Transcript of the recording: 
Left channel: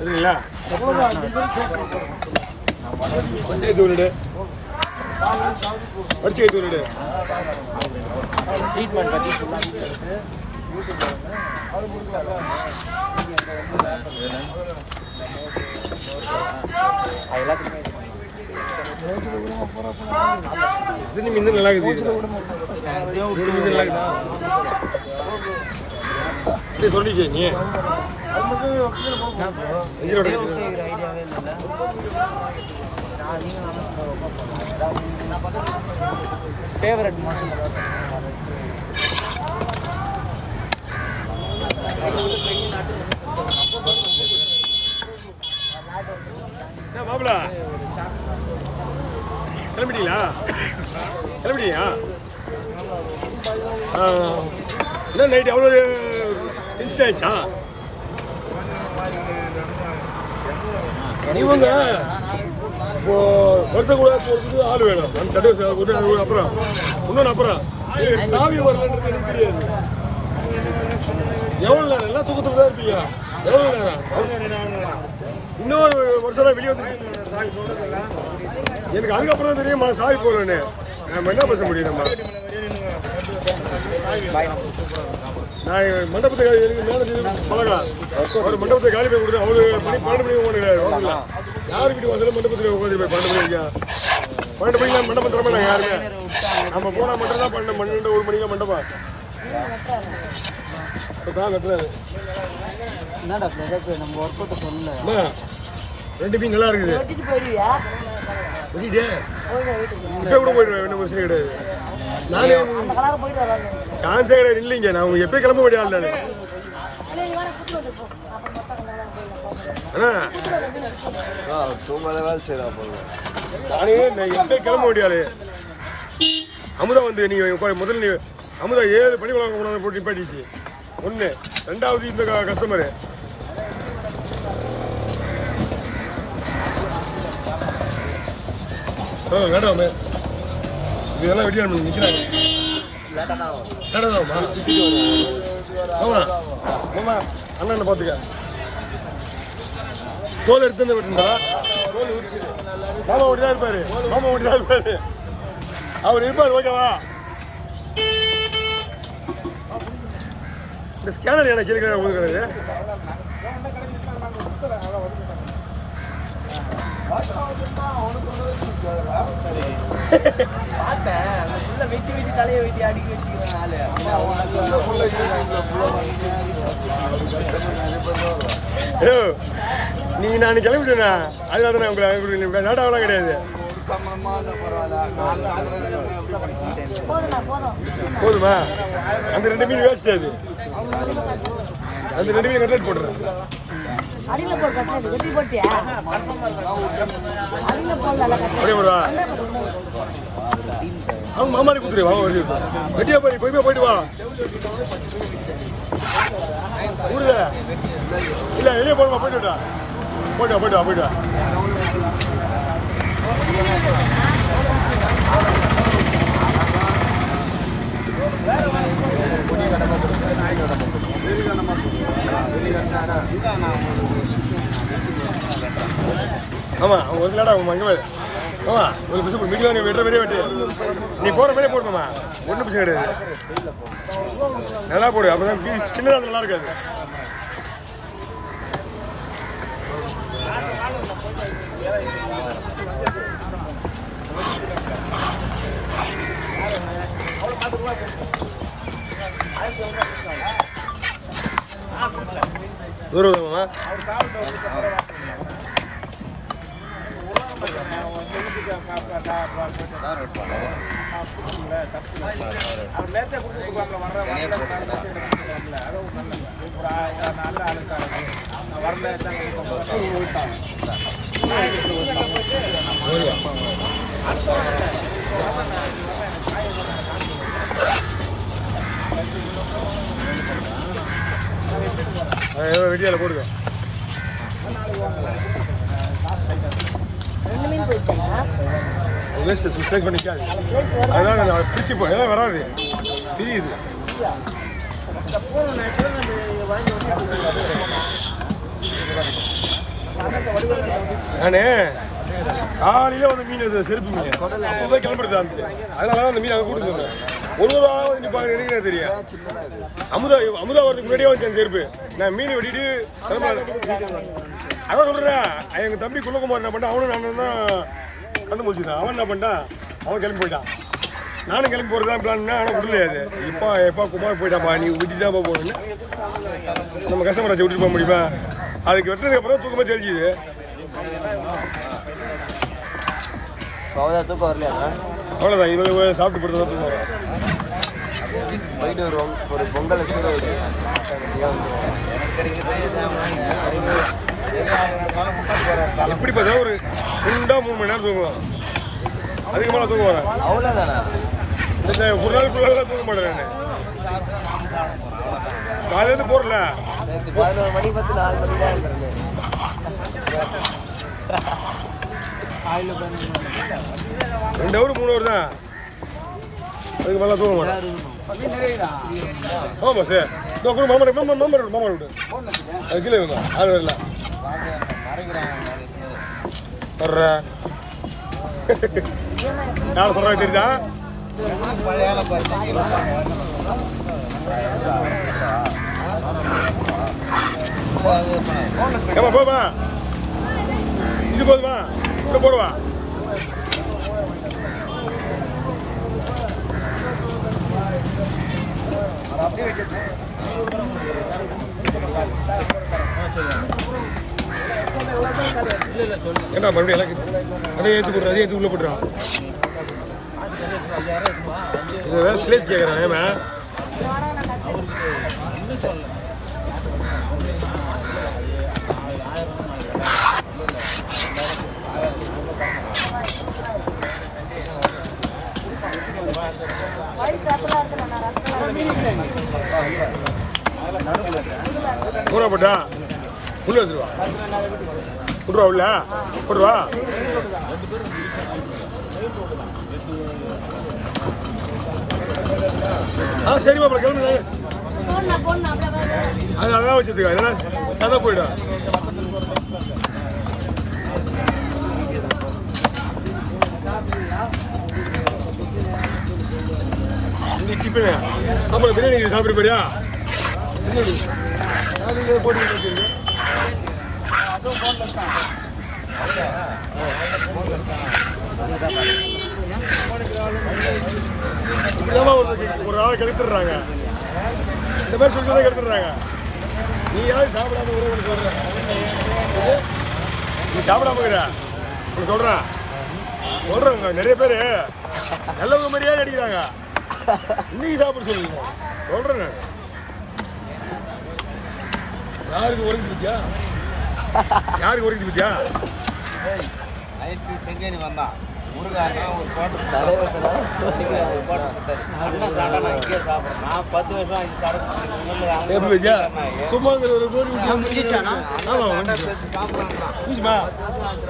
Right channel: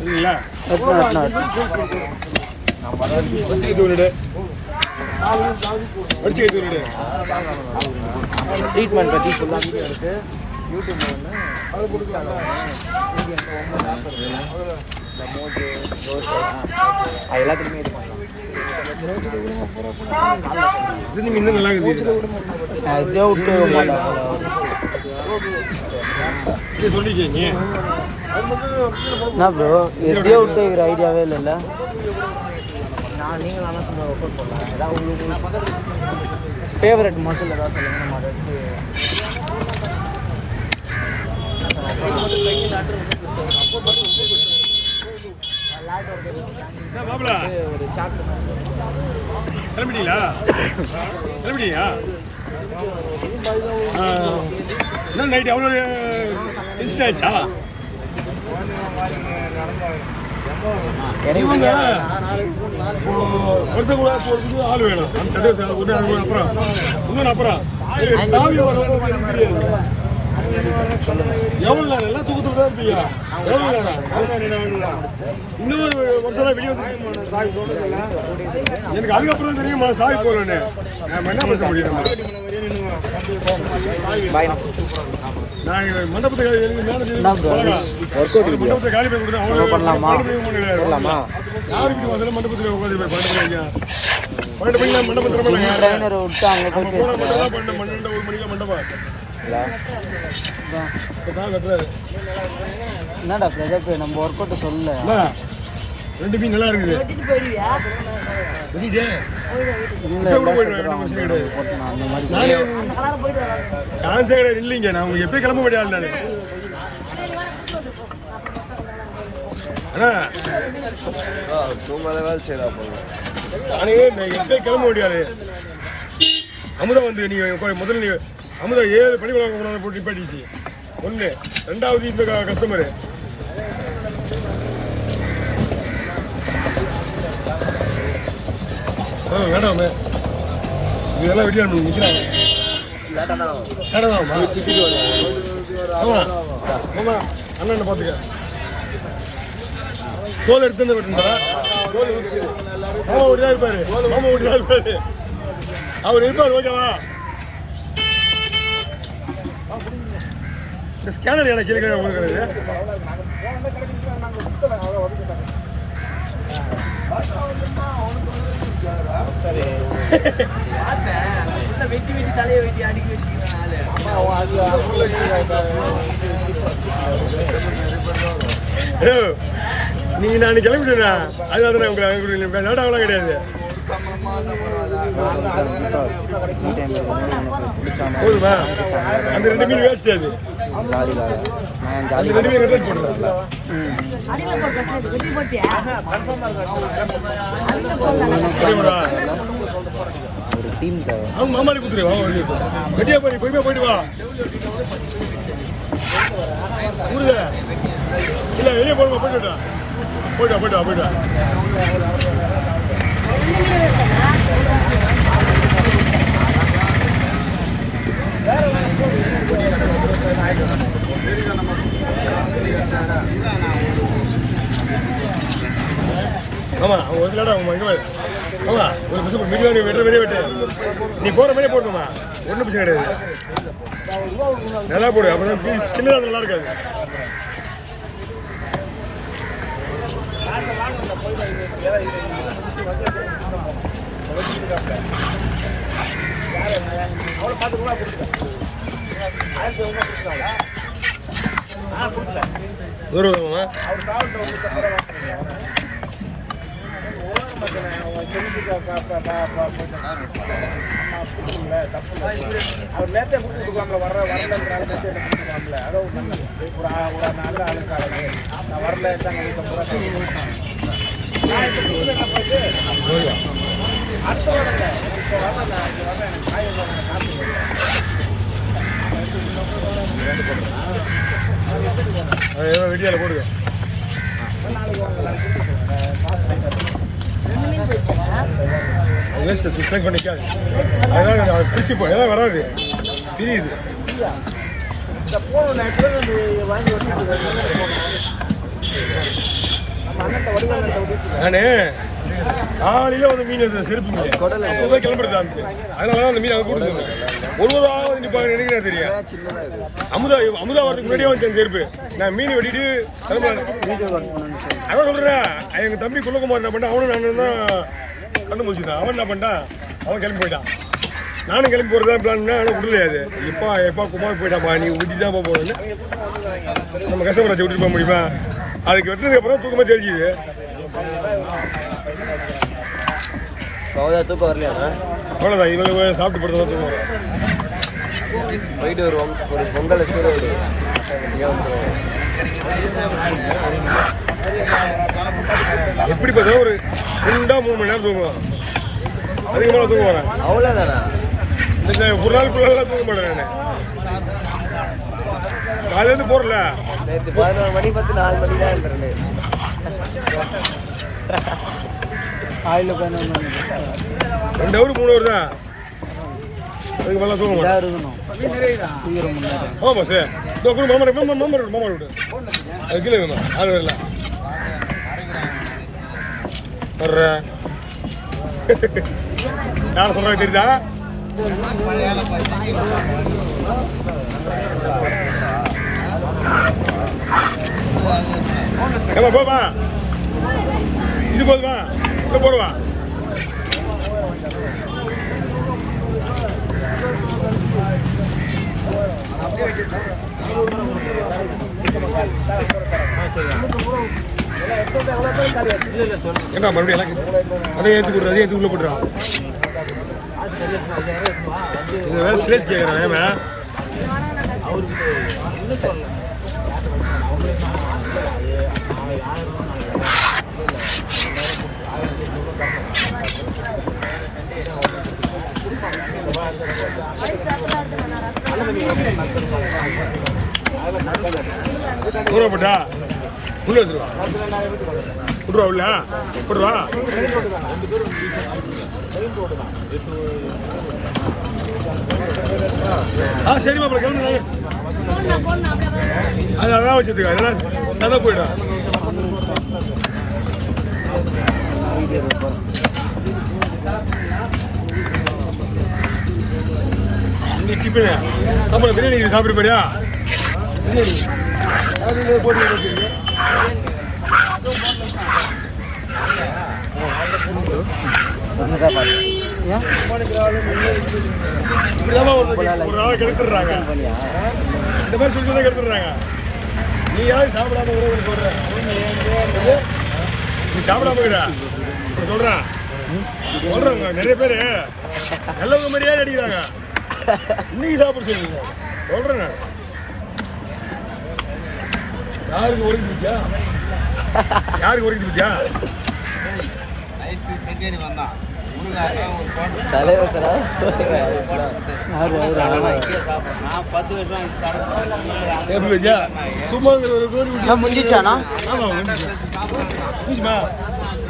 இல்லைங்களா படிச்சு தூரிடு படிச்சு தூரிடு இது இன்னும் நல்லா இருக்குது சொல்லிச்சு நீ என்ன ப்ரோ இதே விட்டு இருக்கிற ஐடியாவே இல்லைல்ல ஃபேவரட் மாப்பிள கிளம்பிட்டீங்களா கிளம்பிட்டீங்களா என்ன நைட்டு அவ்வளோ டென்ஷன் ஆயிடுச்சா இவங்க இப்போ வருஷம் கூட போகிறதுக்கு ஆள் வேணும் அந்த சட்டை அப்புறம் இன்னொன்று அப்புறம் சாவி வரலன்றது எனக்கு தெரியாது எவ்வளோ நேரம் எல்லாம் தூக்கத்தில் தான் இருப்பீங்க எவ்வளோ நேரம் இன்னொரு வருஷம் வெளியே வந்து சாவி சொல்றதில்ல எனக்கு அதுக்கப்புறம் தான் தெரியும் சாவி போடுவேன்னு நம்ம என்ன பேச முடியும் நம்ம நான் மண்டபத்தை எனக்கு மேலே பழகலாம் அவர் மண்டபத்தை காலி போய் கொடுத்து அவங்க கொண்டு யாரு வீட்டு வந்தாலும் மண்டபத்தில் உட்காந்து போய் 12 மணி 12 மணிக்கு மண்டபம் திறமை நம்ம போன மட்டும் தான் 12 1 மணிக்கு மண்டபம் தான் கட்டுறாரு என்னடா பிரதர் நம்ம ஒர்க் அவுட் சொல்லல 2 மீன் நல்லா இருக்குது நானே சான்ஸே கிடையாது இல்லைங்க நான் உங்களுக்கு எப்பயும் கிளம்ப முடியாது நானே எப்பயும் கிளம்ப முடியாது அமுதா வந்து நீங்க முதல்ல நீ அமுதா 7 பணி கொண்டாந்து போட்டு நிப்பாட்டிச்சு 1 2வது இந்த கஸ்டமரு வேண்டாமே இதெல்லாம் வெட்டி நிற்கிறாங்க ஆமா ஆமா அண்ணன் பார்த்துக்க தோல் எடுத்து விட்டுருந்தாரா மாமா ஓடிதான் இருப்பாரு மாமா ஓடிதான் இருப்பாரு அவர் இருப்பாரு ஓகேவா இந்த ஸ்கேனர் எனக்கு கேள்வி உங்களுக்கு கிடையாது நீங்க நான் கிளம்பிட்டேனா அதுதான் நான் உங்களுக்கு லேட்டாகலாம் கிடையாது போதுமா அந்த 2 மீன் வேஸ்ட் அது அந்த 2 மீன் கரெக்ட் போட்டுறேன் அவங்க மாமாரி குத்துரு வா வெட்டியா போய் போயிட்டு வா ஊருல இல்ல வெளியே போடுமா போயிட்டு வா ஆமா அவங்க ஒரு லேட்டா அவங்க அங்கே ஆமா ஒரு பிசு மீடியா நீ வெட்டுற மாதிரியே வெட்டு நீ போற மாதிரியே போடுமா ஒன்றும் பிசு கிடையாது நல்லா போடு அப்பதான் சின்னதாக நல்லா இருக்காது தூரமா வீடியோவில் போடுங்க. வேஸ்ட்டு சுத்தம் பண்ணிக்காது, அதெல்லாம் பிரிச்சு போ, எல்லாம் வராது, பிரியுது. நானே காலையில் வந்து மீன் செருப்பு மீன் அப்போ போய் கிளம்புறது அந்த அதனால தான் அந்த மீன் அங்கே கொடுத்து ஒரு வந்து நிற்பாங்க எனக்கு தெரியும் அமுதா வரதுக்கு முன்னாடியே வந்து செருப்பு நான் மீன் வெட்டிட்டு கிளம்புறேன் அதான் சொல்கிறேன் எங்கள் தம்பி குள்ளகுமார் என்ன பண்ணான் அவனும் நானும் தான் கண்டு முடிச்சுட்டான் அவன் என்ன பண்ணிட்டான் அவன் கிளம்பி போயிட்டான் நானும் கிளம்பி போகிறது தான் பிளான் ஆனால் விடலையாது எப்பா குமார் போயிட்டாப்பா நீ விட்டு தான் போகணுன்னு நம்ம கஸ்டமராச்சு விட்டுட்டு போக முடியுமா அதுக்கு வெட்டினதுக்கு அப்புறம் தூக்கமாக தெரிஞ்சுது தூக்கம் வரலையா அவ்வளோதான் இவங்க சாப்பிட்டு போட்டு தான் தூக்கம் வரும் போயிட்டு வருவோம் ஒரு பொங்கல் சூறவடி எப்படி பார்த்தா ஒரு 2-3 மணி நேரம் தூங்குவோம் அதிகமாக தூங்க வரேன் அவ்வளோதானா இந்த ஒரு நாள் ஃபுல்லாக தூங்க மாட்டேன் நான் காலையிலேருந்து போகிறல நேற்று 11 மணி 4 மணி தான் இருந்தேன் காலையில் 11 மணி 2 ஹவர் 3 ஹவர் தான் அதுக்கு மேலே தூங்க மாட்டேன் ஆமாம் சார் இதோ கூட மாமா விட்டு அது கீழே வேணும் ஆள் வரல வர்ற யார் சொல்கிறாங்க தெரியுதா ஏமா போதுமா இது போதுமா இப்படி போடுவா என்ன மறுபடியும் எனக்கு அதை ஏற்றி கொடுறா அதே ஏற்றி உள்ள போட்டுறான் இது வேற ஸ்லேஸ் கேட்குறான் ஏமா போட்டா உள்ள வச்சுருவா விட்ருவா உள்ள போடுவா சரிம்மா அப்புறம் கிளம்புங்க அது அதான் வச்சதுக்கா இல்லைன்னா சதை போயிடும் இந்த டிஃபனு அப்புறம் பிரியாணி சாப்பிட போறியா பிரியாணி அது போட்டு இப்படிதான் ஒரு ஆளை கெடுத்துடுறாங்க இந்த மாதிரி சொல்லி தான் கெடுத்துடுறாங்க நீ யாரும் சாப்பிடாம ஒரே ஒன்று சொல்ற நீ சாப்பிடாம சொல்றேன் சொல்றேங்க நிறைய பேர் நல்லவங்க மாதிரியே நடிக்கிறாங்க இன்னைக்கு சாப்பிட சொல்லுங்க சொல்றேன் நான் யாருக்கு ஒதுக்கி பிடிச்சா யாருக்கு ஒதுக்கி பிடிச்சா தலைவர் சார் எப்படி வச்சா சும்மா ஒரு கோரி முடிஞ்சிச்சானா ஆமாம் முடிஞ்சிச்சு முடிஞ்சுமா